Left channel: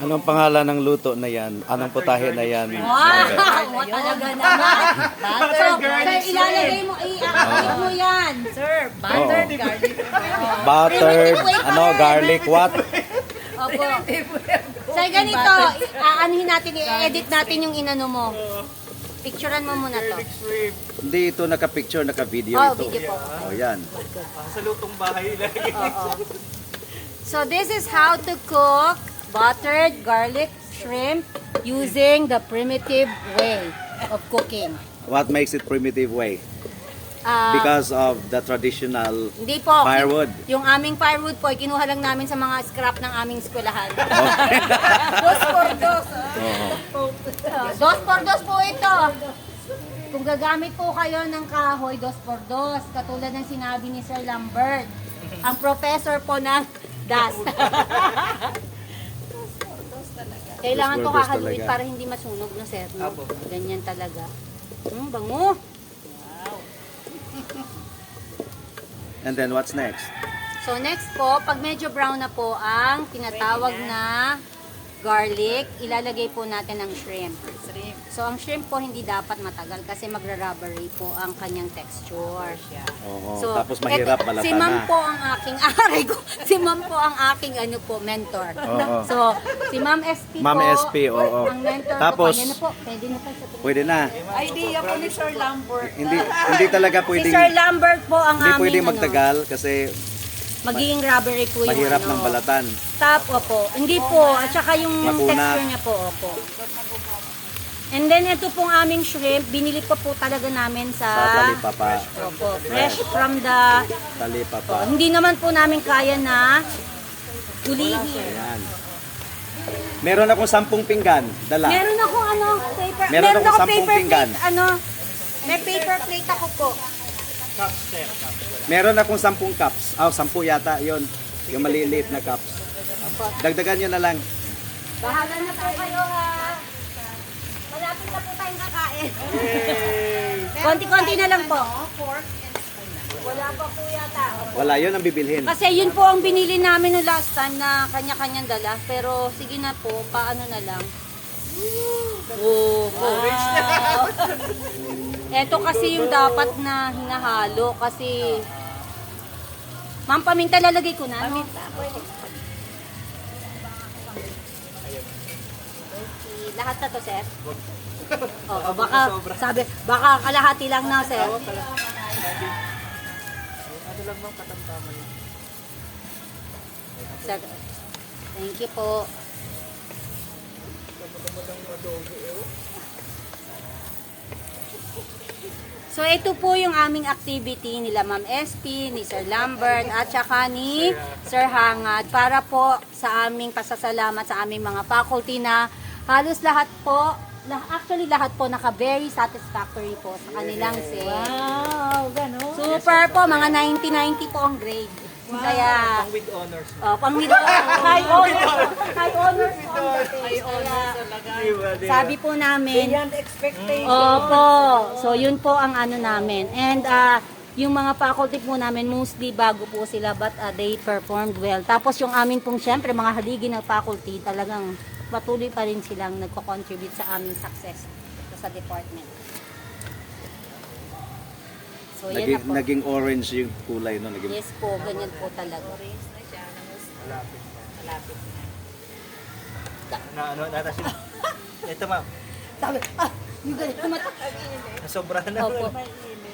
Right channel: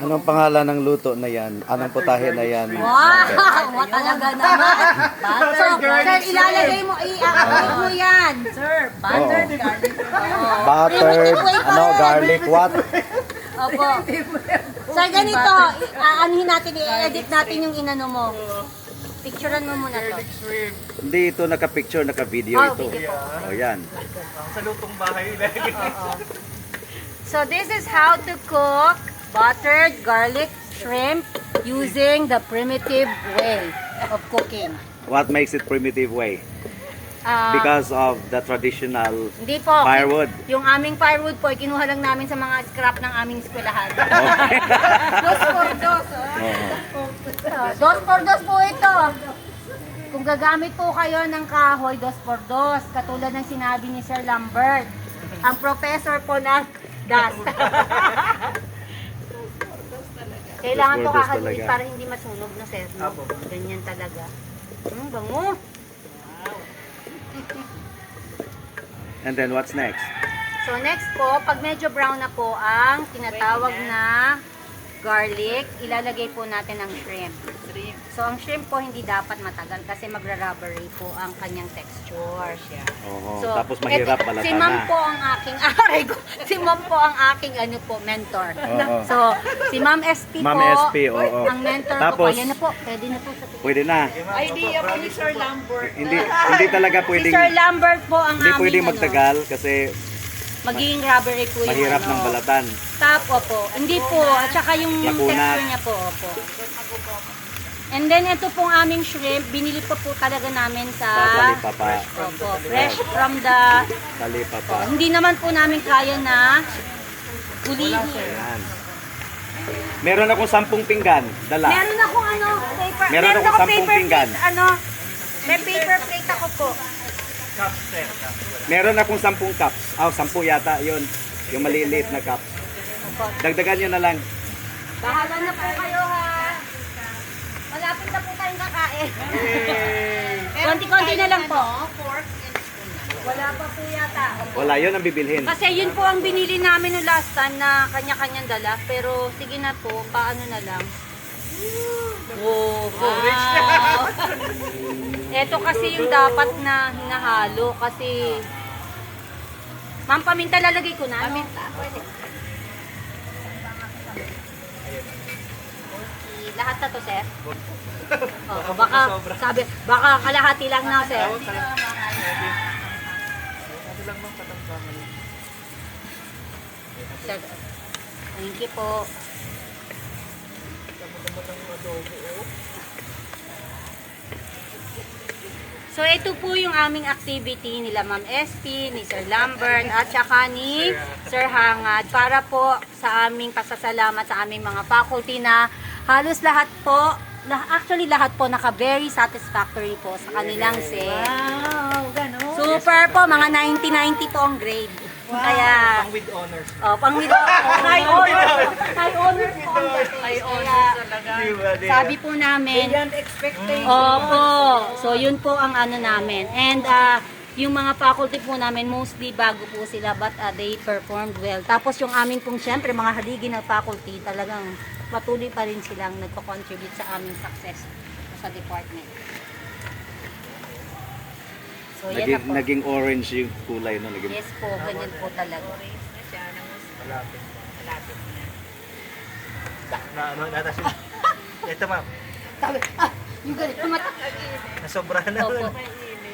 Anong pangalan ng luto na yan? Anong putahe na yan? Wow! Talaga naman. So, sir, ilalagay mo, i-activate mo yan. Sir, buttered Oo. garlic. Buttered, garlic what? Opo. Sir, ganito, aanhin natin, i-edit natin yung inano mo. Picturean mo muna to. Hindi ito naka-picture, naka-video Oh, ito. video O yan. Sa lutong bahay lagi. So, this is how to cook buttered garlic shrimp using the primitive way of cooking. What makes it primitive way? Because of the traditional Hindi po. firewood. Yung aming firewood po, kinuha lang namin sa mga scrap ng aming eskwelahan. Dos por dos. Oo. Dos por dos po ito. Kung gagamit po kayo ng kahoy, dos por dos. Katulad ng sinabi ni Sir Lambert. Ang professor po ng DAS. Kailangan Dos to por dos kakaluin talaga. para hindi masunog na sir. No? Ganyan talaga. Bango. And then what's next? So next po, pag medyo brown na po ang tinatawag na garlic, ilalagay po natin ang shrimp. So ang shrimp po hindi dapat matagal kasi magra-rubbery po ang kanyang texture. Oo. Tapos mahirap balatan si Ma'am na. po ang aking si Ma'am po ang aking mentor. Oo. So si Ma'am SP Ma'am po, SP, oo. ang mentor Tapos, po. Ayan na po, pwede na po sa Pwede na. Idea po ni Sir Lambert. Hindi talaga Si pwedeng Sir Lambert po ang hindi aming pwedeng magtagal kasi magiging rubbery po yung mahirap ano. ng balatan. Tap, opo. Hindi po. At saka yung Makunat. texture niya po, opo. And then, ito pong aming shrimp, binili pa po talaga namin sa... Sa talipapa. Opo. Fresh from the... Talipapa. Hindi naman po namin kaya na gulihin. Ayan. Meron akong 10 pinggan. Dala. Meron akong ano, paper... Meron akong 10 paper pinggan. plate, ano, may paper plate ako po. Meron akong 10 cups. 10 yata yon. Yung maliliit na cups. Dagdagan nyo na lang. Bahala na po kayo ha. Malapit na po tayong kakain. Konti-konti na lang po. Wala pa po yata. Wala yon ang bibilhin. Kasi yun po ang binili namin no last time na kanya-kanyang dala. Pero sige na po, paano na lang. Oh, wow. Ito kasi yung dapat na hinahalo kasi Ma'am, paminta lalagay ko na. Paminta. Lahat na to, sir? Oo, baka sabi, baka kalahati lang na, sir. Sir, thank you po. So ito po yung aming activity nila Ma'am SP, ni Sir Lambert at saka ni Sir Hangad para po sa aming pasasalamat sa aming mga faculty na halos lahat po, actually lahat po naka very satisfactory po sa kanilang SEM. Wow, gano'n. Super po, mga 90-90 po ang grade. Kaya, With honors. pang with high honors. High honors po ang dating. Ay, honors talaga. Sabi po namin, Beyond expectation. opo. So, yun po ang ano namin. And, yung mga faculty po namin, mostly bago po sila, but they performed well. Tapos yung amin pong, syempre, mga haligi ng faculty, talagang patuloy pa rin silang nagko-contribute sa aming success sa department. So, yan na Naging, po. naging orange yung kulay no, naging. Yes po, ganyan po talaga. Na ano, natasin. Ito ma'am, Sabi, yung ganito, tumatak. nasobrahan na. Opo.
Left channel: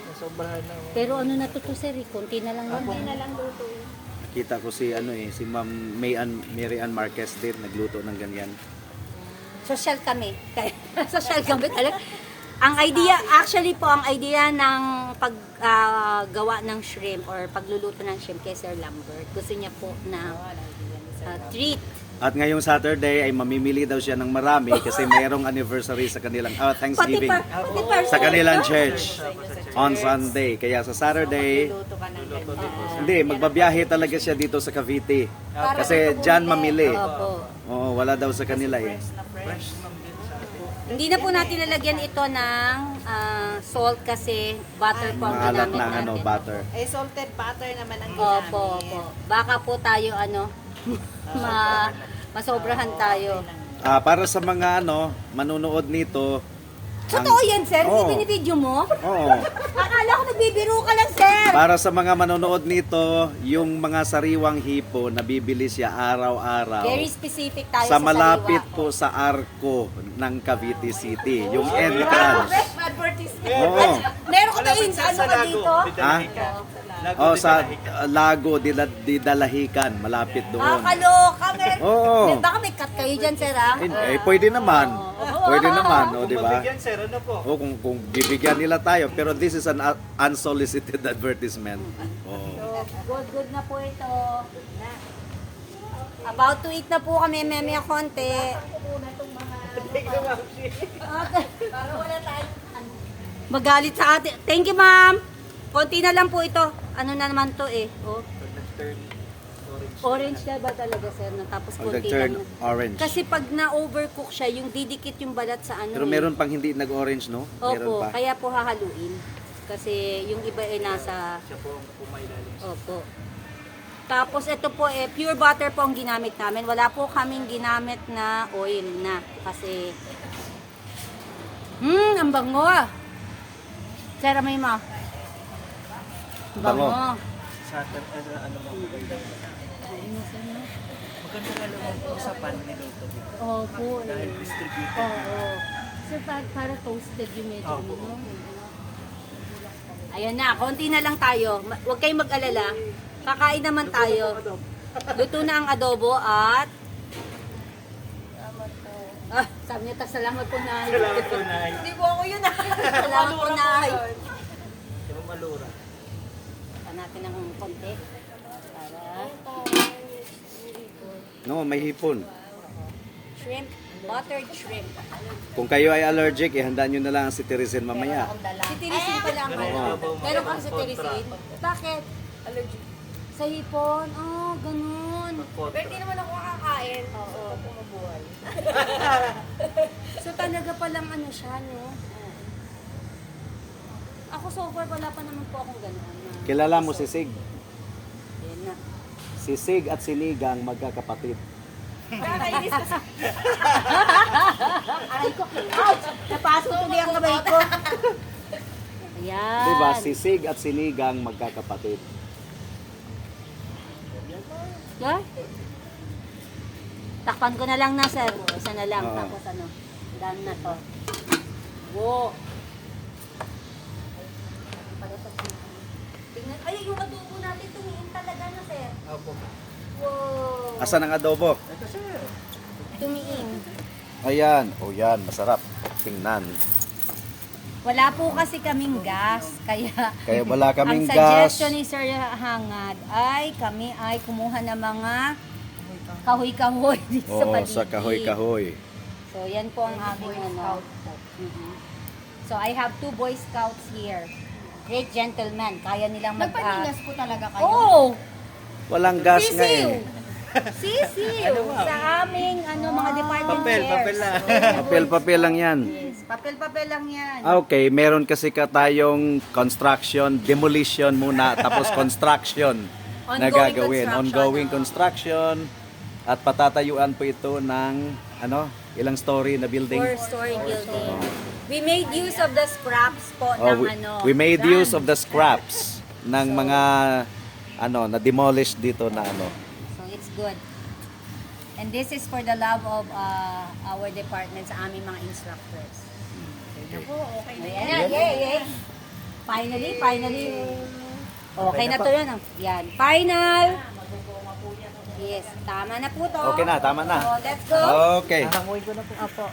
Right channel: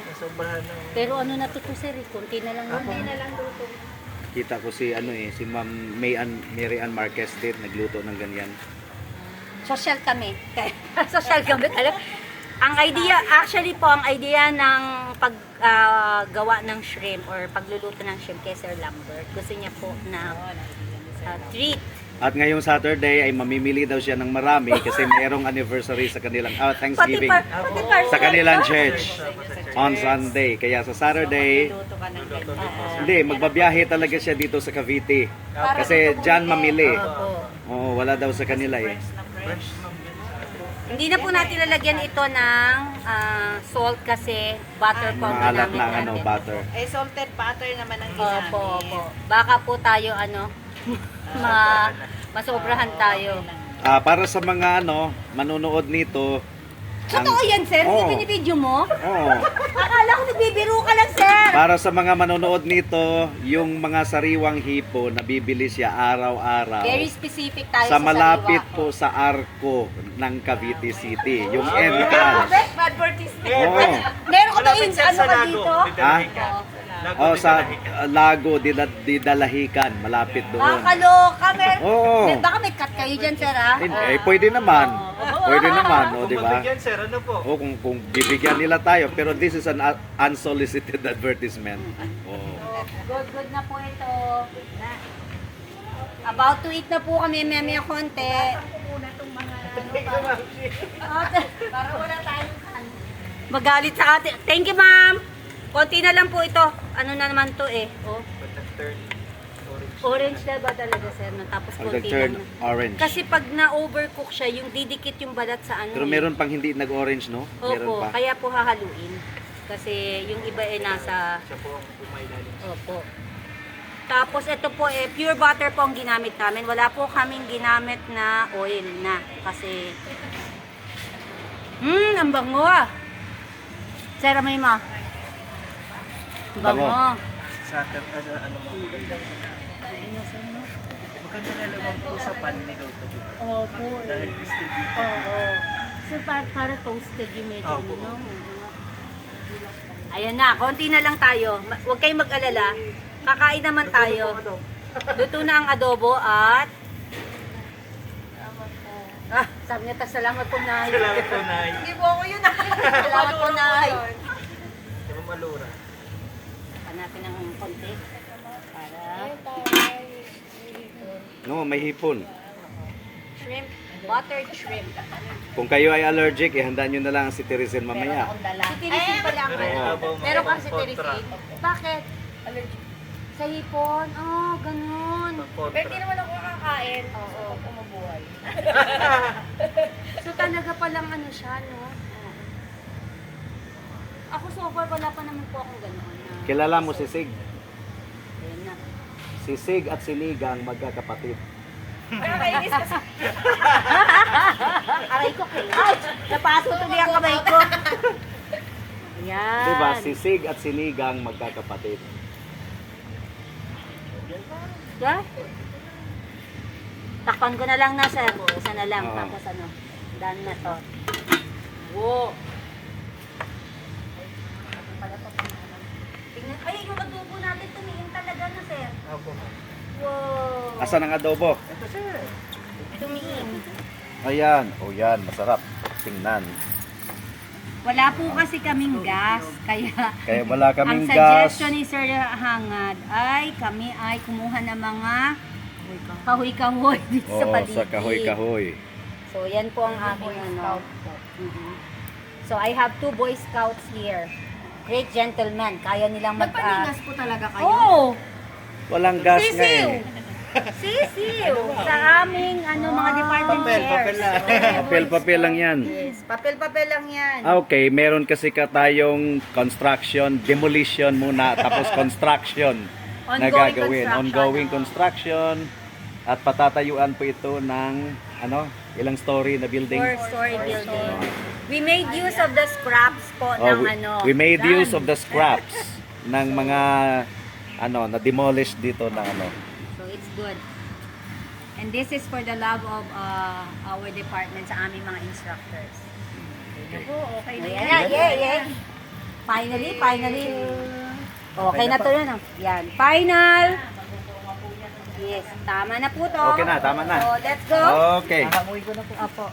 Nasobrahan na. Pero ano na to sir, konti na lang. Konti na lang luto. Kita ko si si Ma'am Mary Ann Marquez din nagluto ng ganyan. Social kami. Social kami talaga. Ang idea, actually po, ang idea ng paggawa ng shrimp or pagluluto ng shrimp kay Sir Lambert, gusto niya po na treat. At ngayong Saturday ay mamimili daw siya ng marami kasi mayroong anniversary sa kanilang Thanksgiving sa kanilang church on Sunday. Kaya sa Saturday, hindi, magbabiyahe talaga siya dito sa Cavite. Kasi dyan mamili. Opo. Oo, wala daw sa kanila eh. Hindi na po natin lalagyan ito ng salt kasi butter po ang Maalat ginamit na natin. Eh, butter. salted butter naman ang Opo, ginamit. opo. Baka po tayo masobrahan tayo. Para sa mga manonood nito, Totoo yan, sir? Oo. Hindi binibideo mo? Oo. Akala ko nagbibiro ka lang, sir. Para sa mga manonood nito, yung mga sariwang hipo, nabibili siya araw-araw. Very specific tayo Sa malapit sariwa. po sa Arco ng Cavite City, yung entrance. Advertisement. Oo. Meron ka Malapit tayong siya ano sa ka Lago. dito? Didalahican. Lago, Oh, sa Didalahican. Lago Didalahican, malapit doon. Kaloka, men. Oo. Baka may cut kayo dyan, sir, ha? Pwede naman. Pwede naman, Kung di ba? magbigyan, sir, ano po? O kung bibigyan nila tayo, pero this is an unsolicited advertisement. Oh. Good na po ito. About to eat na po kami, memya konti. Para wala tayong magalit sa atin. Thank you, ma'am. Konti na lang po ito. Ano na naman to eh. Oh. Orange na ba talaga, sir? No? Tapos konti Nag-turn lang. orange. Kasi pag na-overcook siya, yung didikit yung balat sa ano. Pero meron pang hindi nag-orange, no? Meron Opo, pa. kaya po hahaluin. Kasi yung iba ay nasa... Siya po ang pumailalim. Opo. Tapos ito po pure butter po ang ginamit namin. Wala po kaming ginamit na oil na. Kasi... ang bango ah. Sir, may ma. Bango. Bango. Sucker, ano mo? Maganda na naman po sa pan niluto dito. Opo. Dahil distributed. Oo. So, para toasted yung medyo Opo. ano. Ayan na, konti na lang tayo. Huwag kayong mag-alala. Kakain naman tayo. Luto na ang adobo at... sabi niya, salamat po, Nay. Salamat po, Nay. Hindi po ako yun. Salamat po, Nay. Pero malura. Natin ng konti. Para... No, may hipon. Shrimp. Buttered shrimp. Kung kayo ay allergic, ihanda nyo na lang si Teresin mamaya. Si Tirisin pa lang. Meron kang si Tirisin. Bakit? Allergic. Sa hipon? Oh, ganun. Pero hindi naman ako kakain. So, pag mabuhay. So talaga palang ano siya, no? Ako so far wala pa naman po akong gano'n. Kilala mo si Sig? Ayun na. Si Sig at si Ligang magkakapatid. Nakakainis kasi. Aray ko, ouch! Napasok tuloy ang kamay ko. Ayan. Diba? Si Sig at si Ligang magkakapatid. Yeah? Takpan ko na lang na, sir. Isa na lang. Oo. Tapos ano, done na to. Wow! Tingnan, ay, yung adobo natin tumiin talaga na, sir. Opo. Wow! Asan ang adobo? Ito, sir. Tumiin. Ayan. O yan, masarap. Tingnan. Wala po kasi kaming gas, kaya Kaya wala kaming ang gas. suggestion ni Sir Hangad ay kami ay kumuha ng mga kahoy-kahoy dito sa Oo, paligid. sa kahoy-kahoy. So, yan po ang aking ano. Mhm. So, I have 2 Boy Scouts here. Great gentlemen. Kaya nilang Nagpanilas po talaga kayo. Oo! Walang gas nga eh. Sisiw! Sa aming mga department chairs. Papel lang. Papel-papel lang yan. Yes, papel-papel lang yan. Okay, meron kasi tayong construction, demolition muna, tapos construction na Ongoing gagawin. construction. Ongoing construction. At patatayuan po ito ng, ilang story na building? 4-story building. We made use of the scraps po Oh, ng we made use of the scraps ng mga, na-demolish dito na So it's good. And this is for the love of our department sa aming mga instructors. Ayan, yeah. Finally. Okay na to yun. Yan, final. Yes, tama na po to. Okay na, tama na. So, let's go. Okay. Hangamuin ko na po. Opo.